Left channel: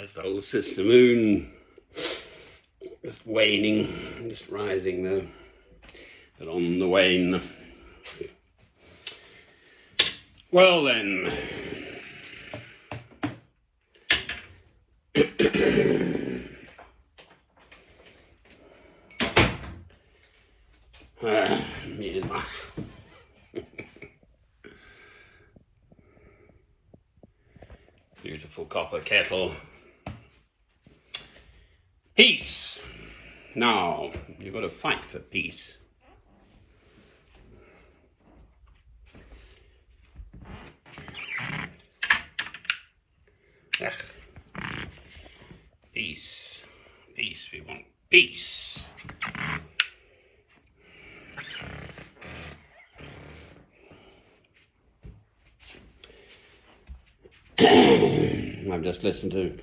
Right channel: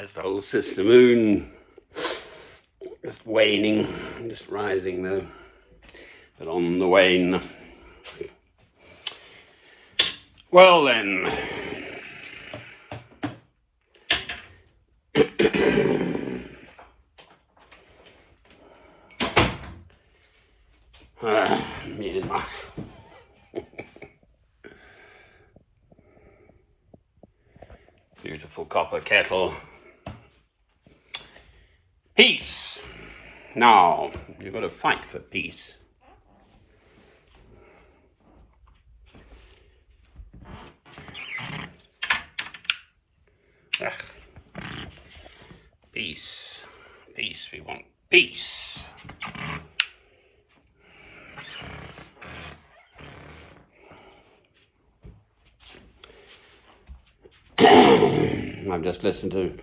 There's the whole sister moon, just waning, just rising though, but on the wane. Well then, needed my beautiful copper kettle. Peace. Now, you've got to fight for peace. Peace. Peace. We want peace. I've just listened to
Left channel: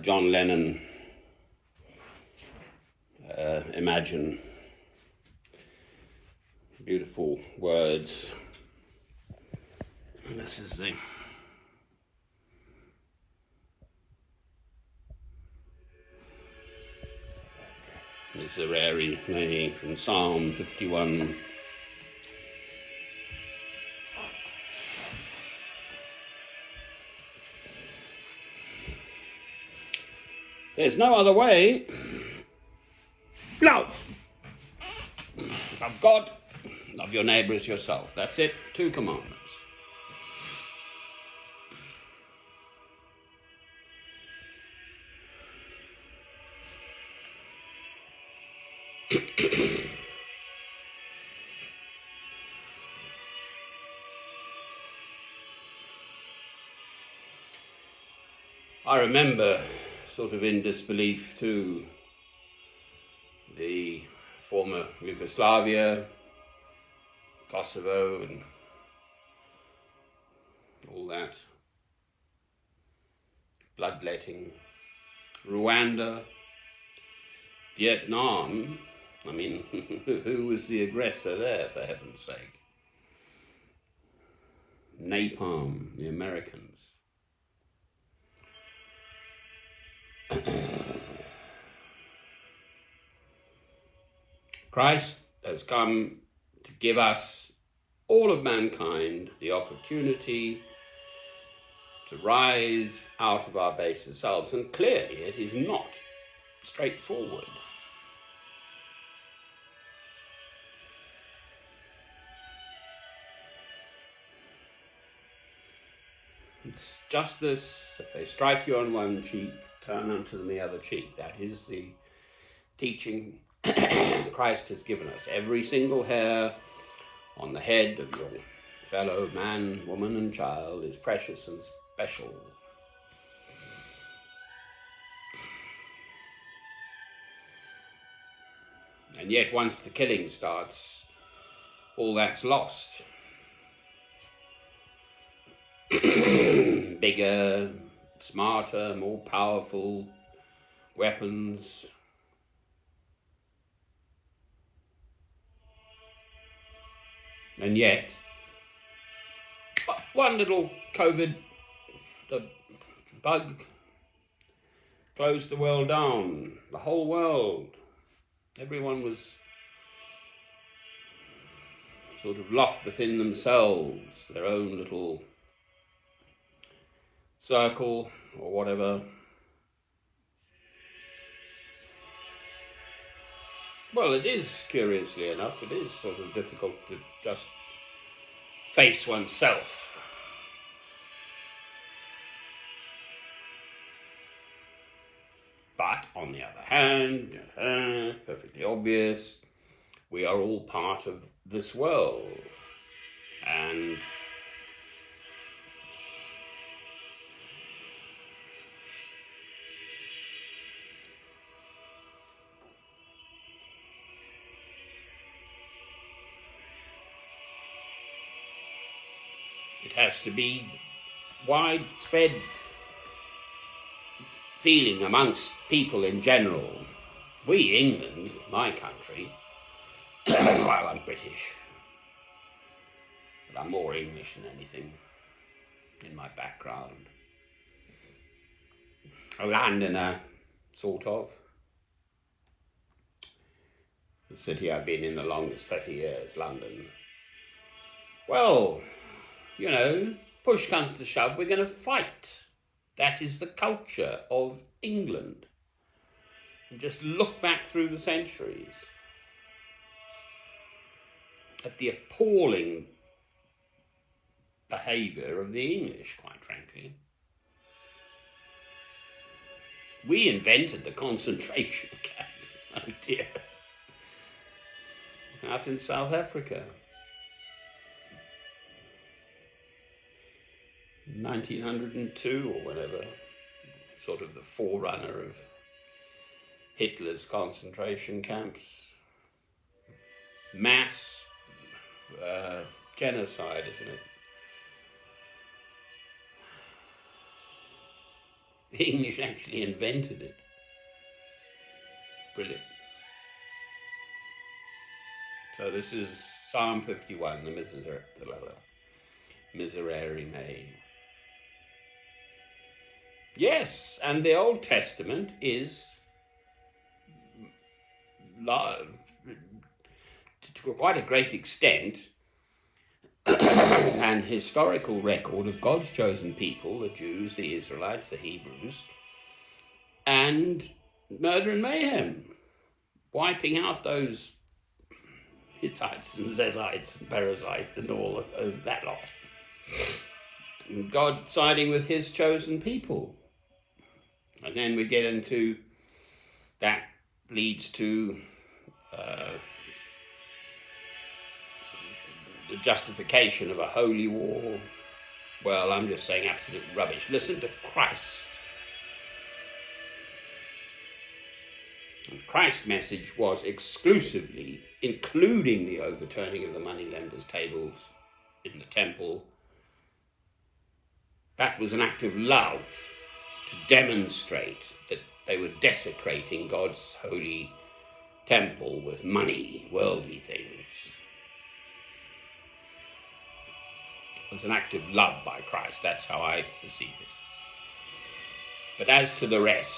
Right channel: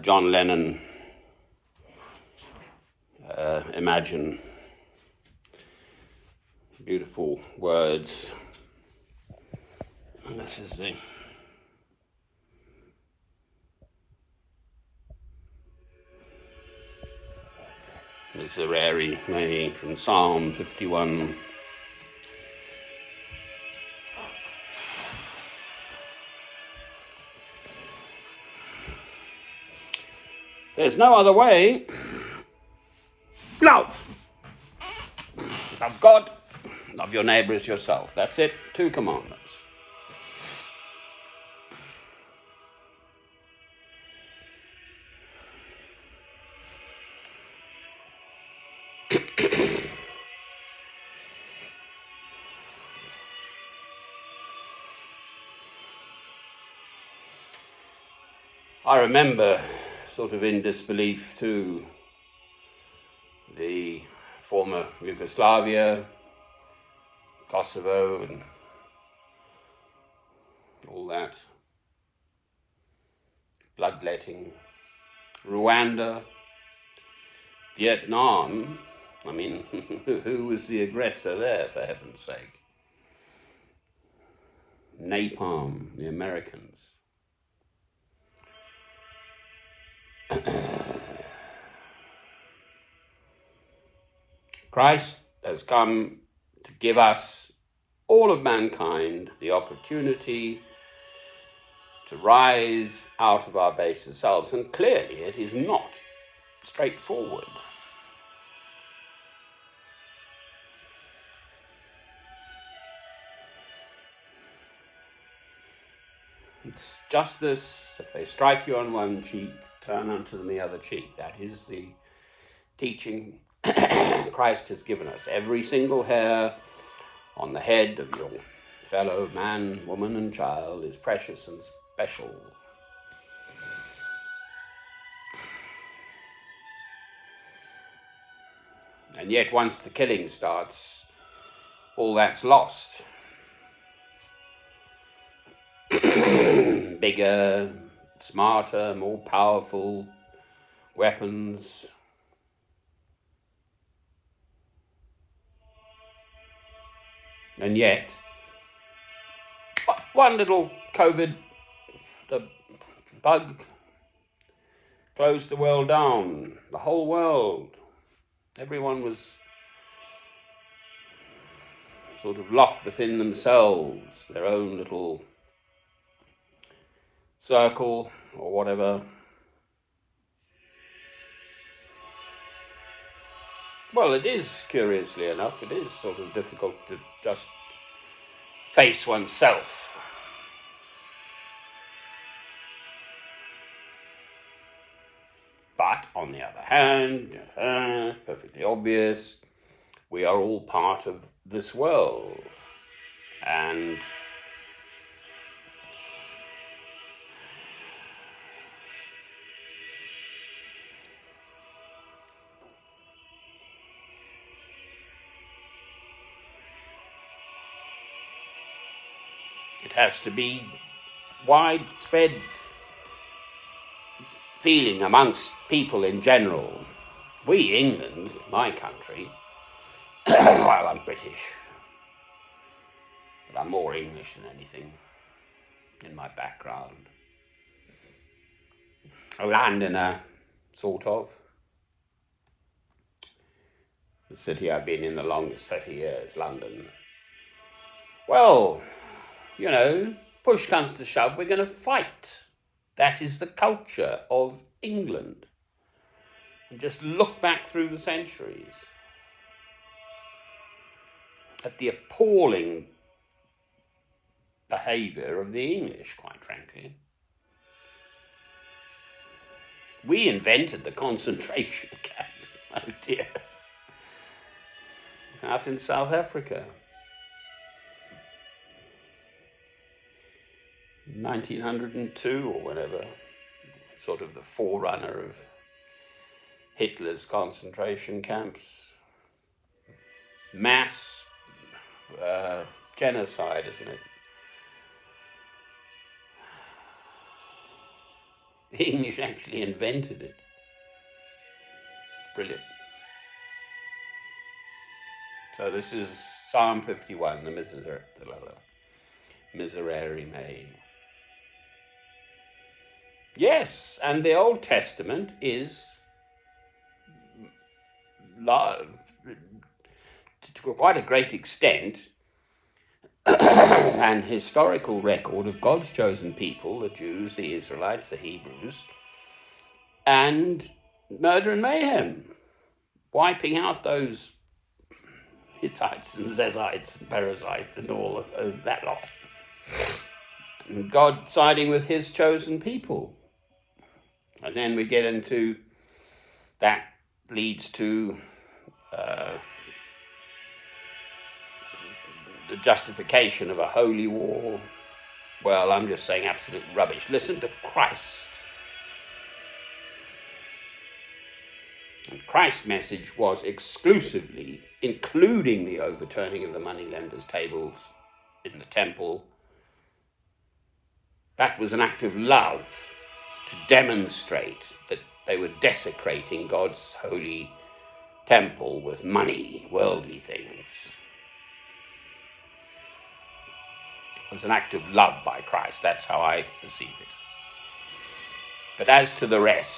John Lennon Imagine. Beautiful words. And this is the Miserere Mei from Psalm 51. There's no other way. Love. Love God, love your neighbour as yourself. That's it. 2 commandments. I remember, sort of in disbelief too, the former Yugoslavia, Kosovo and all that, bloodletting, Rwanda, Vietnam. I mean, who was the aggressor there, for heaven's sake? Napalm, the Americans. Christ has come to give us, all of mankind, the opportunity to rise out of our baser selves, and clearly it is not straightforward. It's justice. If they strike you on one cheek, turn unto them the other cheek. That is the teaching Christ has given us. Every single hair on the head of your fellow man, woman and child is precious and special. And yet once the killing starts, all that's lost. Bigger, smarter, more powerful weapons. And yet, one little COVID, the bug, closed the world down, the whole world. Everyone was sort of locked within themselves, their own little circle or whatever. Well, it is, curiously enough, it is sort of difficult to just face oneself. But on the other hand, perfectly obvious, we are all part of this world. And it has to be widespread feeling amongst people in general. We, England, my country, well, I'm British, but I'm more English than anything in my background. a landowner, sort of. The city I've been in the longest, 30 years, London. Well, you know, push comes to shove, we're going to fight. That is the culture of England. And just look back through the centuries at the appalling behaviour of the English, quite frankly. We invented the concentration camp, oh dear, out in South Africa. 1902 or whatever, sort of the forerunner of Hitler's concentration camps. Mass genocide, isn't it? The English actually invented it. Brilliant. So this is Psalm 51, the Miserere Mei. Yes, and the Old Testament is to quite a great extent an historical record of God's chosen people, the Jews, the Israelites, the Hebrews, and murder and mayhem, wiping out those Hittites and Zezites and Perizzites and all of that lot. And God siding with his chosen people. And then we get into that leads to the justification of a holy war. Well, I'm just saying absolute rubbish. Listen to Christ. And Christ's message was exclusively, including the overturning of the moneylenders' tables in the temple. That was an act of love to demonstrate that they were desecrating God's holy temple with money, worldly things. It was an act of love by Christ. That's how I perceive it. But as to the rest,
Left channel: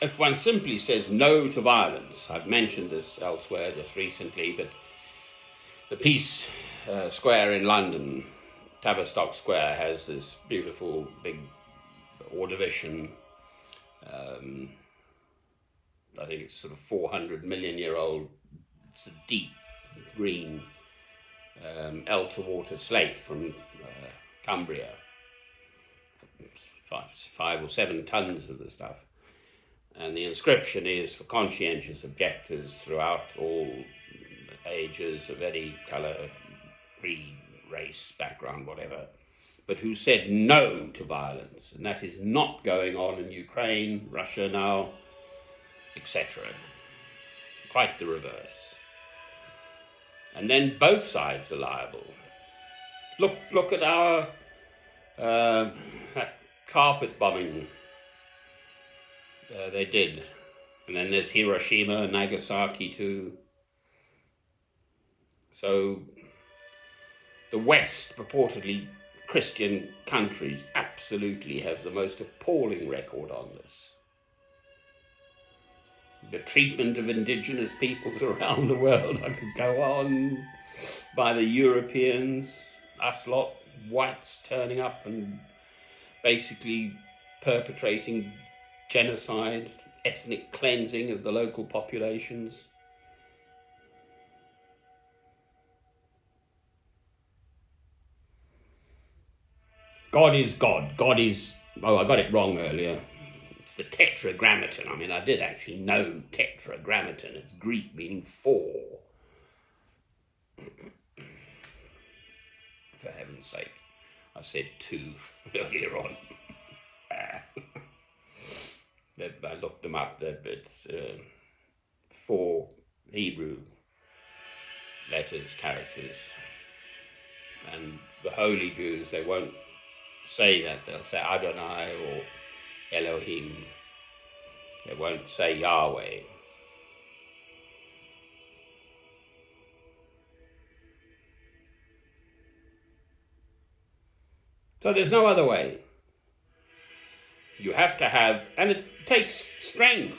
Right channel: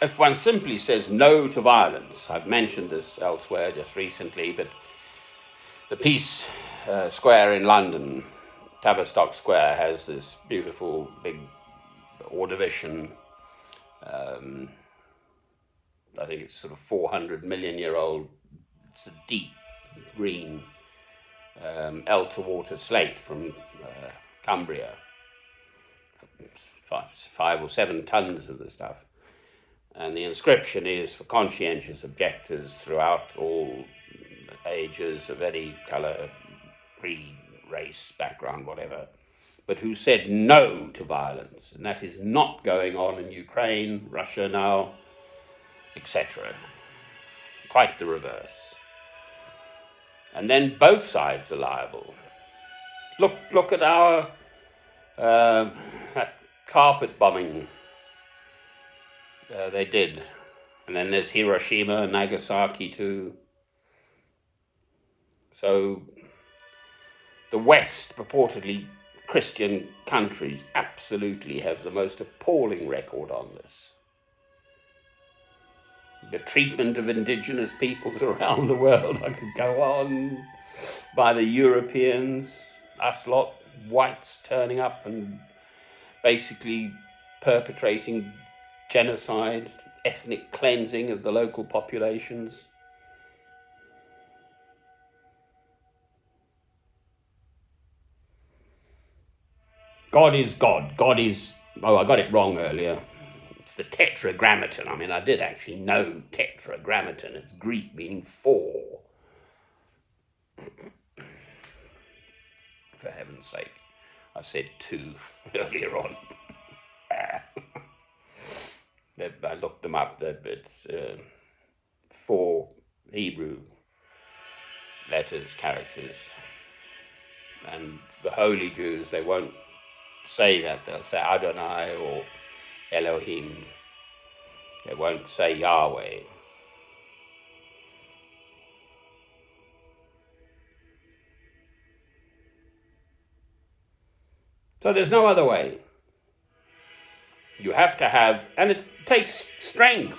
if one simply says no to violence, I've mentioned this elsewhere just recently, but the Peace Square in London, Tavistock Square, has this beautiful big ordovician, I think it's sort of 400 million year old, it's a deep green Elter slate from Cumbria, 5 or 7 tons of the stuff. And the inscription is for conscientious objectors throughout all ages of any colour, creed, race, background, whatever, but who said no to violence. And that is not going on in Ukraine, Russia now, etc. Quite the reverse. And then both sides are liable. Look at our that carpet bombing they did. And then there's Hiroshima and Nagasaki too. So the West, purportedly Christian countries, absolutely have the most appalling record on this. The treatment of indigenous peoples around the world, I could go on, by the Europeans, us lot, whites turning up and basically perpetrating genocide, ethnic cleansing of the local populations. God is God. God is, oh, I got it wrong earlier. It's the tetragrammaton. I mean, I did actually know tetragrammaton. It's Greek meaning 4. For heaven's sake. I said 2 earlier on. I looked them up. It's 4 Hebrew letters, characters. And the holy Jews, they won't say that. They'll say Adonai or Elohim. They won't say Yahweh. So there's no other way. You have to have, and it takes strength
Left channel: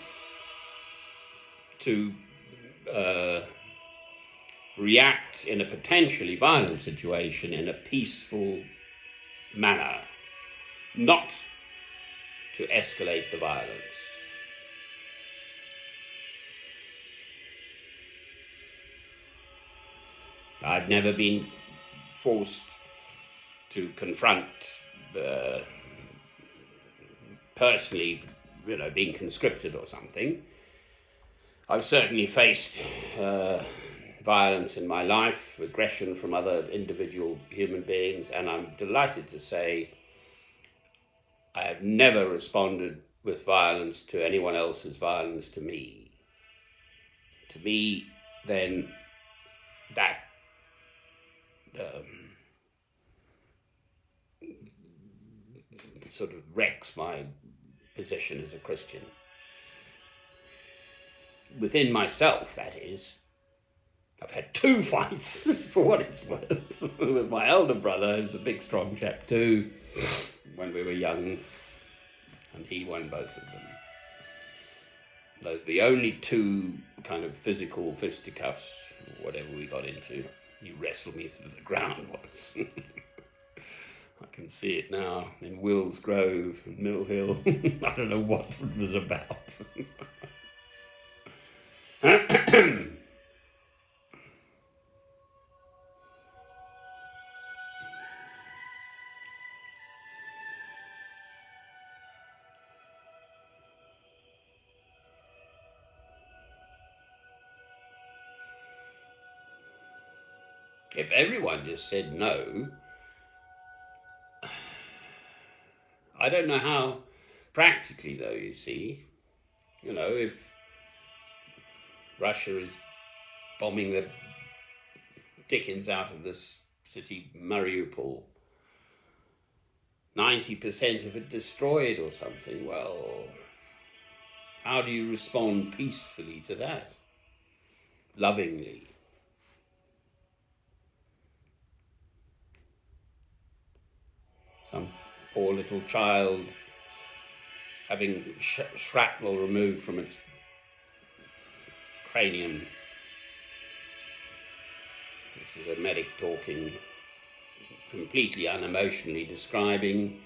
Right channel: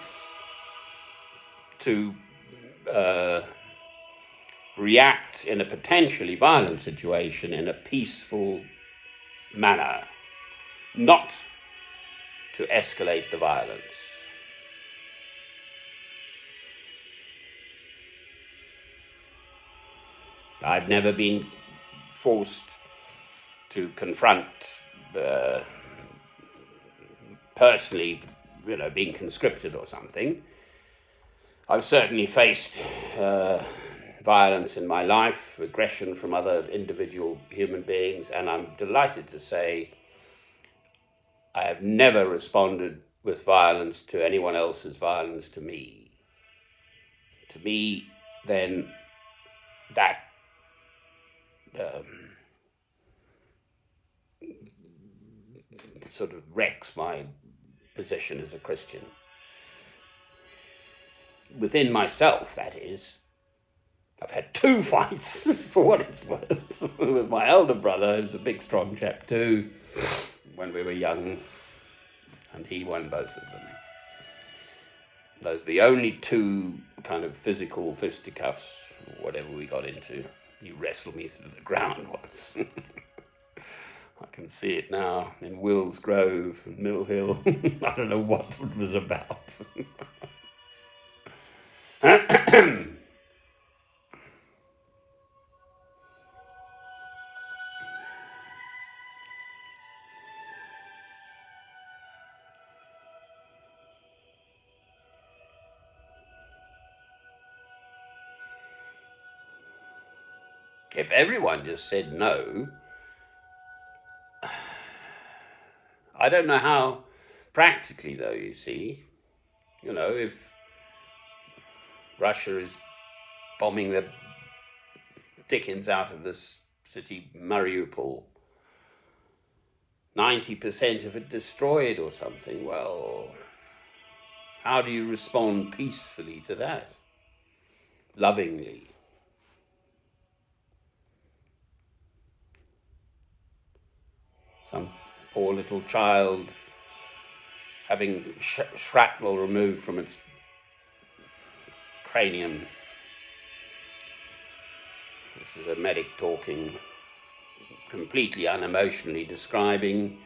to react in a potentially violent situation in a peaceful manner, not to escalate the violence. I've never been forced to confront personally, being conscripted or something. I've certainly faced violence in my life, aggression from other individual human beings, and I'm delighted to say I have never responded with violence to anyone else's violence to me. To me, then, that sort of wrecks my position as a Christian. Within myself, that is. I've had 2 fights, for what it's worth, with my elder brother, who's a big, strong chap too, when we were young, and he won both of them. Those are the only 2 kind of physical fisticuffs, or whatever we got into. He wrestled me to the ground once. I can see it now in Wills Grove, Mill Hill. I don't know what it was about. If everyone just said no, I don't know how practically, though, you see, if Russia is bombing the dickens out of this city, Mariupol, 90% of it destroyed or something, well, how do you respond peacefully to that? Lovingly. Some poor little child having shrapnel removed from its cranium. This is a medic talking, completely unemotionally describing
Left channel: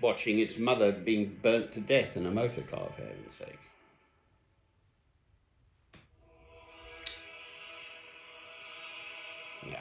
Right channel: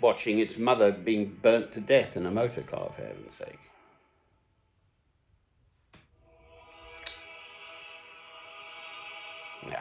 watching its mother being burnt to death in a motor car, for heaven's sake. Yeah.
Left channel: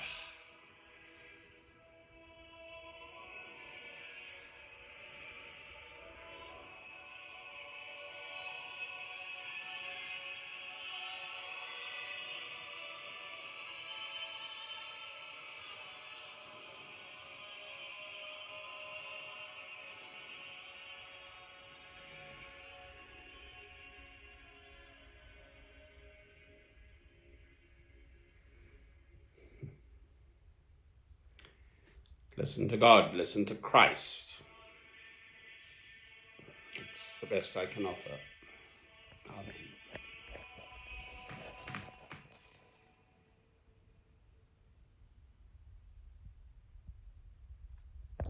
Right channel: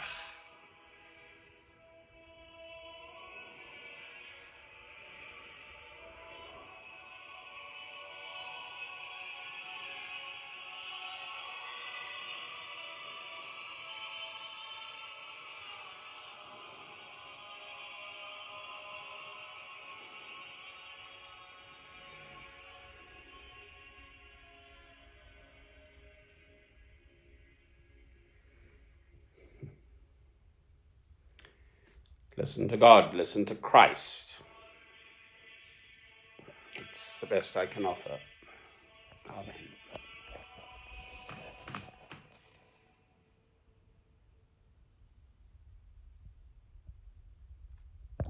Listen to God, listen to Christ. It's the best I can offer. Amen.